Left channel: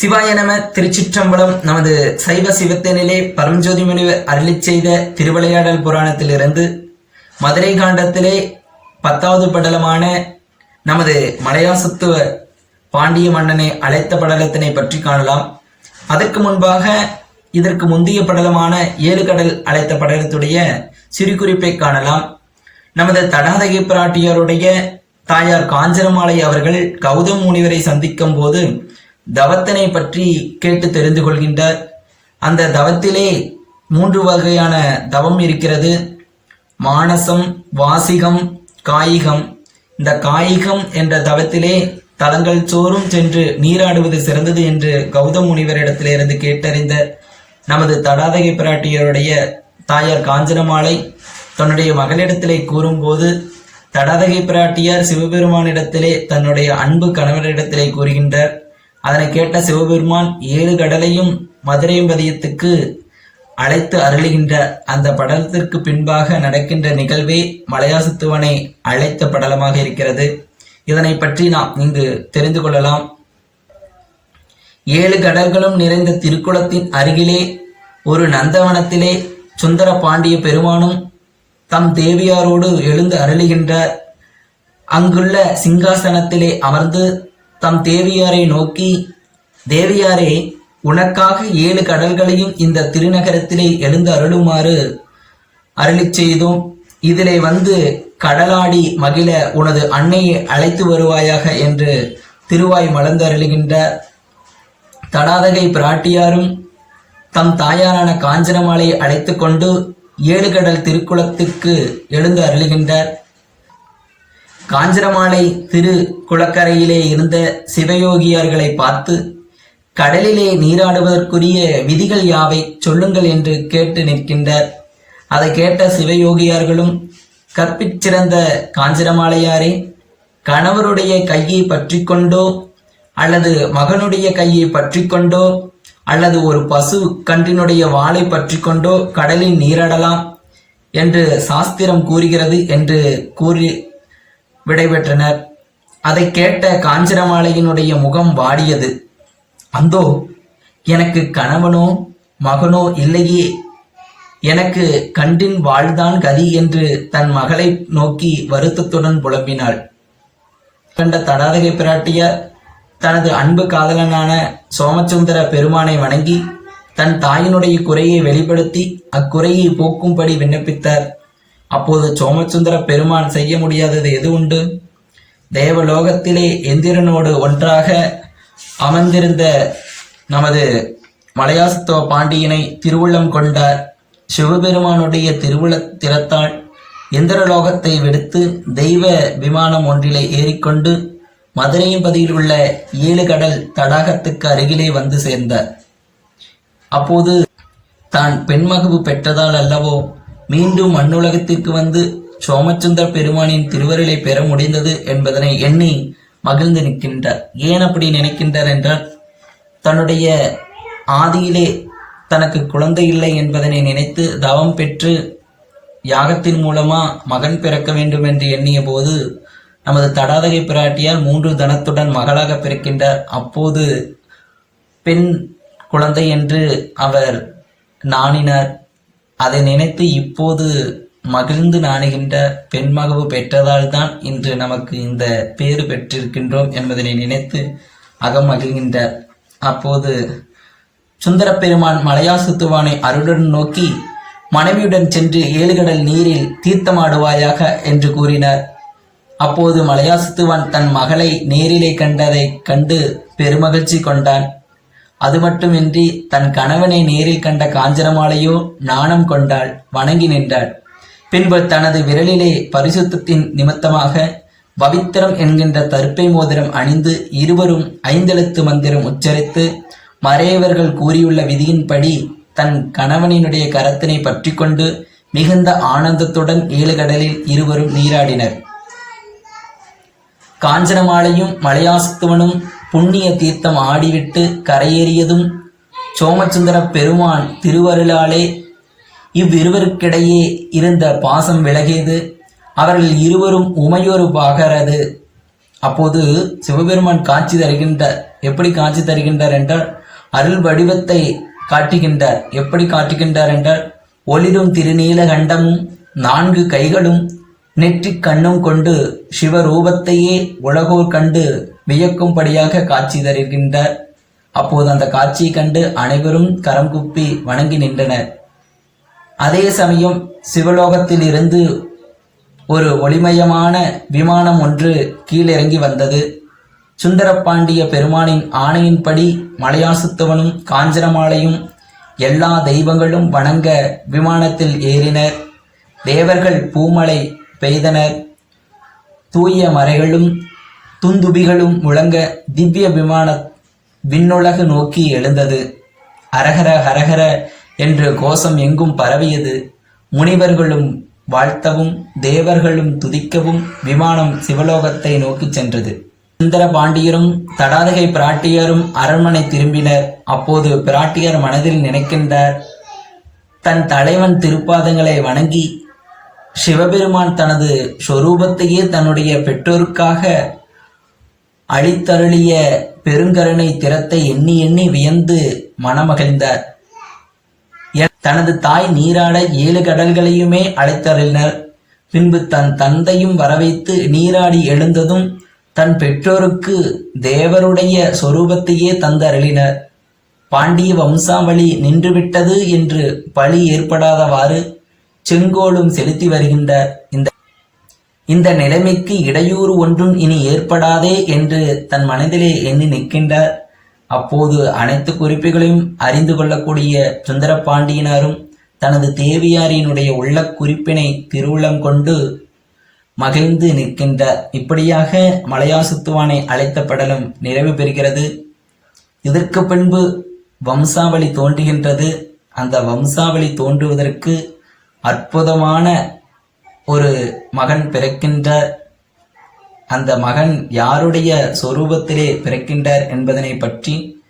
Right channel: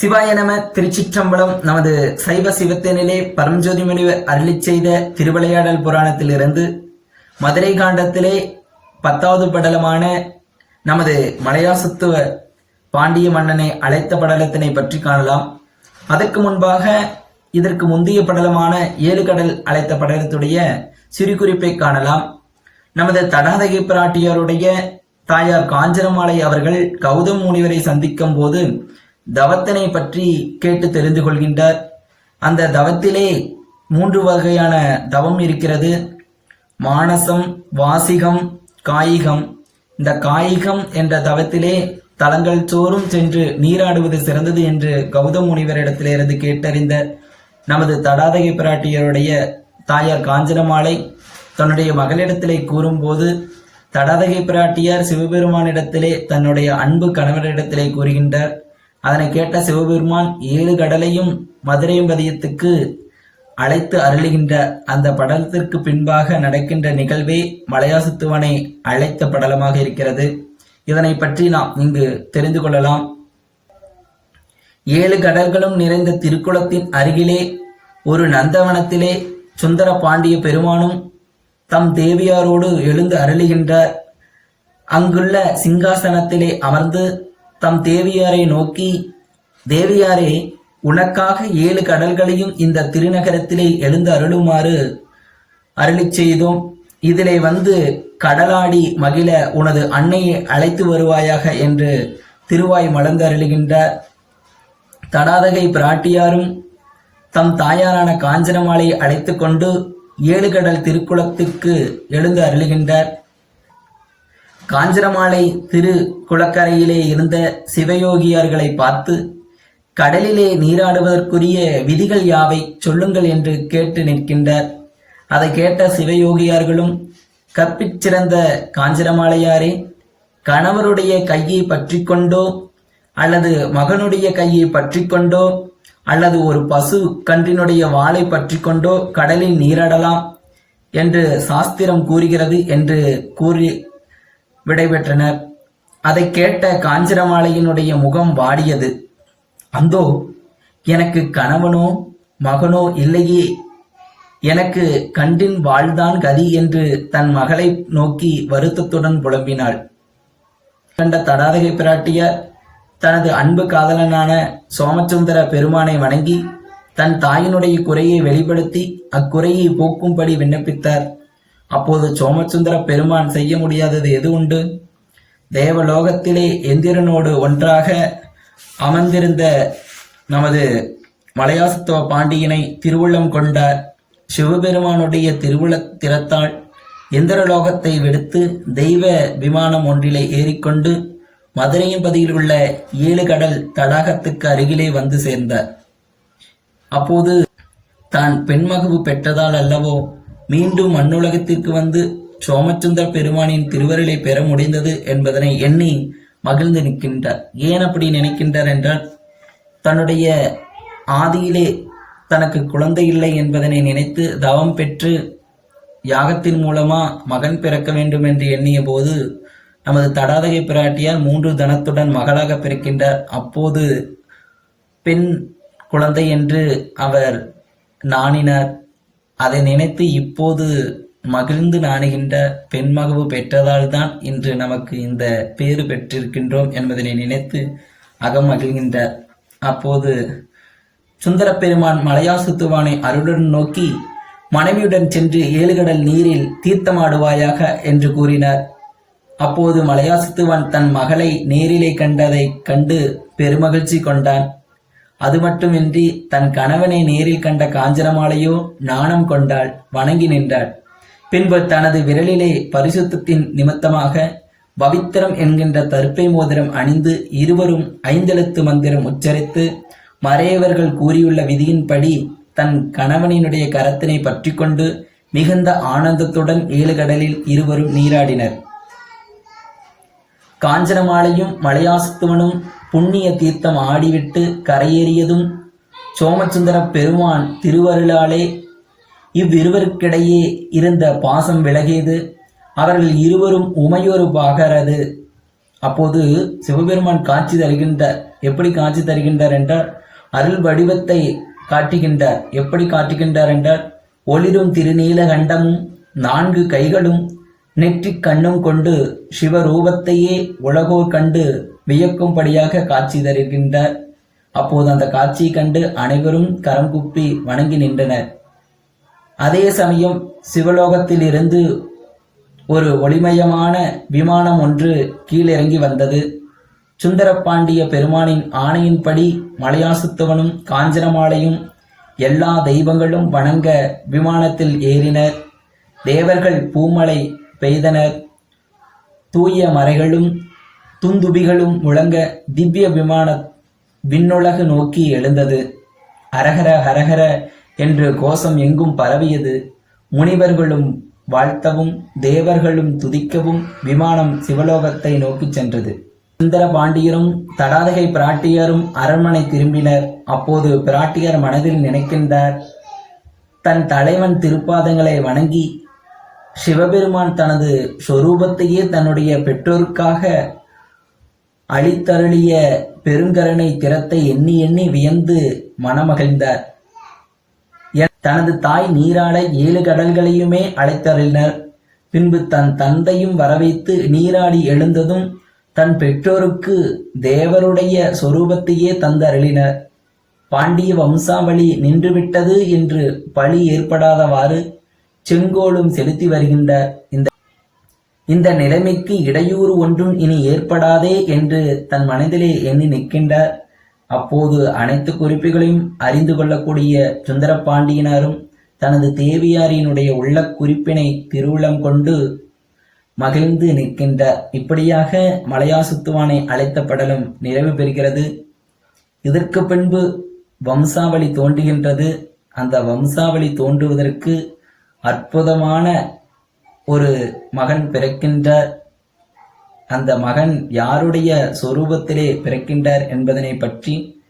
சிவாய நம திருச்சிற்றம்பலம் நமது சைவ சிவத்தனிலே பரஞ்சோதி முனிவர் அருளிச் செய்த திருவிளையாடல் புராணத்திலிருந்து மதுரை காண்டத்திலே பத்தாவது படலமான நமது மலையாசுத்துவ பாண்டிய மன்னனை அழைத்த படலத்தினை பற்றி காணலாம். அதற்கு முன்பாக இதற்கு முந்தைய படலமான ஏழு கடல் அழைத்த படலத்துடைய சிறு குறிப்பை காணலாம். நமது தடாதகை பிராட்டியாருடைய தாயார் காஞ்சனமாலை அவர்கள் கௌதம் முனிவரை சந்திக்கும் போது தவத்தினை பற்றி கேட்டு தெரிந்து கொள்கின்றார். அந்த தவத்திலே மூன்று வகையான தவம் இருக்கிறது. மானசம் வாசிகம் காயிகம். இந்த காயிகம் என்ற தவத்திலே தலங்கள் சோறும் சென்று நீராடுவது சிறந்தது என்று கௌதம் முனிவரிடத்திலிருந்து கேட்டறிந்த நமது தடாதகை பிராட்டியருடைய தாயார் காஞ்சனமாலை தன்னுடைய மகளிடத்திலே கூறும்போது தடாதகை பிராட்டியார் சிவபெருமானிடத்திலே தன்னுடைய அன்பு கணவரிடத்திலே கூறுகின்றார். அதனை கேட்ட சிவபெருமான் ஏழு கடலையும் மதுரை பதியத்துக்கு அழைத்து அருளுகின்ற அந்த படலத்திற்கு பின்பாக நடக்கின்ற நிகழ்வே மலையாசத்துவனை அழைத்த படலமாக இருக்கிறது. இதனை பற்றி நாம் இங்கு தெரிந்து கொள்ளலாம். ஏழு கடல்களும் நிறைந்த திருக்குளத்தின் அருகிலே ஒரு நந்தவனத்திலே சுந்தர பாண்டிய பெருமானும் தம் தேவியாரோடு எழுந்து அருளுகின்றார் அங்குள்ள சிங்காசனத்திலே அமர்ந்து தம் தேவியாரை நோக்கி தேவியாரே உனக்காக ஏழு கடல்களையும் இந்த திருநகரத்திலே எழுந்து அருளுமாறு அருளிச் செய்தோம். இதிலே வந்து கடலாடி மகிழ உனது அன்னையை அழைத்து வருவாயாக என்று திருவாய் மலர்ந்து அருளுகின்றார். தடாதகை பிராட்டியாரும் தம் தாயாரான காஞ்சனமாலையை அழைத்து கொண்டு ஏழு கடல் திருக்குளத்துக்கு எழுந்து அருளுகின்றார். காஞ்சிரமாலை திரு குளக்கரையிலே இருந்த சிவயோகியார்களை பார்த்து கடலிலே நீராடுவதற்குரிய விதிகள் யாவை சொல்லுங்கள் என்று கேட்டு நிற்கின்றார். அதை கேட்ட சிவயோகியார்களும் கற்பிச்சிறந்த காஞ்சிரமாலையாரே கணவருடைய கையை பற்றி கொண்டோ அல்லது மகனுடைய கையை பற்றி கொண்டோ அல்லது ஒரு பசு கன்றினுடைய வாளை பற்றி கொண்டோ கடலில் நீராடலாம் என்று சாஸ்திரம் கூறுகிறது என்று கூறி விடைபெற்றனர். அதை கேட்ட காஞ்சனமாலையினுடைய முகம் வாடியது. அந்தோ எனக்கு கணவனோ மகனோ இல்லையே. எனக்கு கண்டின் வாழ்தான் கதி என்று தன் மகளை நோக்கி வருத்தத்துடன் புலம்பினாள். கண்ட தடாதகை பிராட்டியார் தனது அன்பு காதலனான சோமசுந்தர பெருமானை வணங்கி தன் தாயினுடைய குறையை வெளிப்படுத்தி அக்குறையை போக்கும்படி விண்ணப்பித்தார். அப்போது சோமசுந்தர பெருமான் செய்ய முடியாதது எது உண்டு? தேவலோகத்திலே எந்திரனோடு ஒன்றாக அமர்ந்திருந்த நமது மலையாசத்துவ பாண்டியனை திருவுள்ளம் கொண்டார். சிவபெருமானுடைய திருவுள திறத்தால் இந்திரலோகத்தை விடுத்து தெய்வ விமானம் ஒன்றிலே ஏறிக்கொண்டு மதுரையின் பதியில் உள்ள ஏழு கடல் தடாகத்துக்கு அருகிலே வந்து சேர்ந்தார். அப்போது தான் பெண்மகவு பெற்றதால் அல்லவோ மீண்டும் மண்ணுலகத்திற்கு வந்து சோமச்சந்திர பெருமானின் திருவருளை பெற முடிந்தது என்பதனை எண்ணி மகிழ்ந்து நிற்கின்றார். ஏன் அப்படி நினைக்கின்றார் என்றால் தன்னுடைய ஆதியிலே தனக்கு குழந்தை இல்லை என்பதனை நினைத்து தவம் பெற்று யாகத்தின் மூலமா மகன் பிறக்க வேண்டும் என்று எண்ணிய போது நமது தடாதகை பிராட்டியார் மூன்று தனத்துடன் மகளாக பிறக்கின்றார். அப்போது பெண் குழந்தை என்று அவர் நாணினார். அதை நினைத்து இப்போது மகிழ்ந்து நாணுகின்ற பெண்மகவு பெற்றதால் தான் இன்று நமக்கு இந்த பேறு பெற்றிருக்கின்றோம் என்பதனை நினைத்து அகம் மகிழ்கின்றார். அப்போது சுந்தரப்பெருமான் மலையாசுத்துவானை அருளுடன் நோக்கி மனைவியுடன் சென்று ஏழுகடல் நீரில் தீர்த்தமாடுவாயாக என்று கூறினார். அப்போது மலையாசுத்துவான் தன் மகளை நேரிலே கண்டதை கண்டு பெருமகிழ்ச்சி கொண்டான். அது மட்டுமின்றி தன் கணவனை நேரில் கண்ட காஞ்சனமாலையோ நாணம் கொண்டாள் வணங்கி நின்றாள். பின்பு தனது விரலிலே பரிசுத்தத்தின் நிமித்தமாக பவித்திரம் என்கின்ற தற்பை மோதிரம் அணிந்து இருவரும் ஐந்தெழுத்து மந்திரம் உச்சரித்து மறையவர்கள் கூறியுள்ள விதியின்படி தன் கணவனினுடைய கரத்தினை பற்றி கொண்டு மிகுந்த ஆனந்தத்துடன் ஏழு கடலில் இருவரும் நீராடினர். காஞ்சனமாலையும் மலையாசத்துவனும் புண்ணிய தீர்த்தம் ஆடிவிட்டு கரையேறியதும் சோமசுந்தர பெருமான் திருவருளாலே இவ்விருவருக்கிடையே இருந்த பாசம் விலகியது. அவர்கள் இருவரும் உமையொரு பாகரது. அப்போது சிவபெருமான் காட்சி தருகின்றார் எப்படி காட்சி தருகின்றார் என்றால் அருள் வடிவத்தை காட்டுகின்றார். எப்படி காட்டுகின்றார் என்றால் ஒளிரும் திருநீல கண்டமும் நான்கு கைகளும் நெற்றிக் கண்ணும் கொண்டு சிவரூபத்தையே உலகோர் கண்டு வியக்கும்படியாக காட்சி தருகின்றார். அப்போது அந்த காட்சியை கண்டு அனைவரும் கரம் குப்பி வணங்கி நின்றனர். அதே சமயம் சிவலோகத்தில் இருந்து ஒரு ஒளிமயமான விமானம் ஒன்று கீழிறங்கி வந்தது. சுந்தரப்பாண்டிய பெருமானின் ஆணையின்படி மலையாசுத்தவனும் காஞ்சனமாலையும் எல்லா தெய்வங்களும் வணங்க விமானத்தில் ஏறினர். தேவர்கள் பூமலை பெய்தனர். தூய மறைகளும் துந்துபிகளும் முழங்க திவ்ய விமான விண்ணுலகு நோக்கி எழுந்தது. அரகர ஹரஹர என்று கோஷம் எங்கும் பரவியது. முனிவர்களும் வாழ்த்தவும் தேவர்களும் துதிக்கவும் விமானம் சிவலோகத்தை நோக்கிச் சென்றது. சுந்தர பாண்டியரும் தடாதகை பிராட்டியரும் அரண்மனை திரும்பினர். அப்போது பிராட்டியர் மனதில் நினைக்கின்றார் தன் தலைவன் திருப்பாதங்களை வணங்கி சிவபெருமான் தனது சொரூபத்தையே தன்னுடைய பெற்றோருக்காக அளித்தருளிய பெருங்கருணை திறத்தை எண்ணி எண்ணி வியந்து மனமகிழ்ந்தார். தனது தாய் நீராட ஏழு கடல்களையுமே அழைத்தருளினர். பின்பு தன் தந்தையும் வரவைத்து நீராடி எழுந்ததும் தன் பெற்றோருக்கு தேவருடைய சொரூபத்தையே தந்தருளினர். பாண்டிய வம்சாவளி நின்றுவிட்டது என்று பழி ஏற்படாதவாறு செங்கோலும் செலுத்தி வருகின்ற இந்த இந்த நிலைமைக்கு இடையூறு ஒன்றும் இனி ஏற்படாதே என்று தன் மனதிலே எண்ணி நிற்கின்றார். அப்போது அனைத்து குறிப்புகளையும் அறிந்து கொள்ளக்கூடிய சுந்தரபாண்டியனாரும் தனது தேவியாரினுடைய உள்ள குறிப்பினை திருவுளம் கொண்டு மகிழ்ந்து நிற்கின்றார். இப்படியாக மலையாசுத்துவானை அழைத்த படலம் நிறைவு பெறுகிறது. இதற்கு பின்பு வம்சாவளி தோன்றுகின்றது. அந்த வம்சாவளி தோன்றுவதற்கு அற்புதமான ஒரு மகன் பிறக்கின்றார் அந்த மகன் யாருடைய சொரூபத்திலே பிறக்கின்றார் என்பதனை பற்றி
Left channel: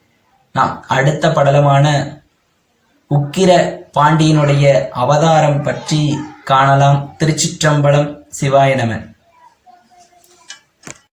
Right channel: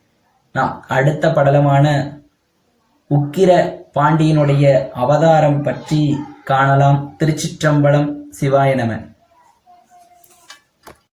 நான் அடுத்த படலமான உக்கிர பாண்டியனுடைய அவதாரம் பற்றி காணலாம். திருச்சிற்றம்பலம் சிவாய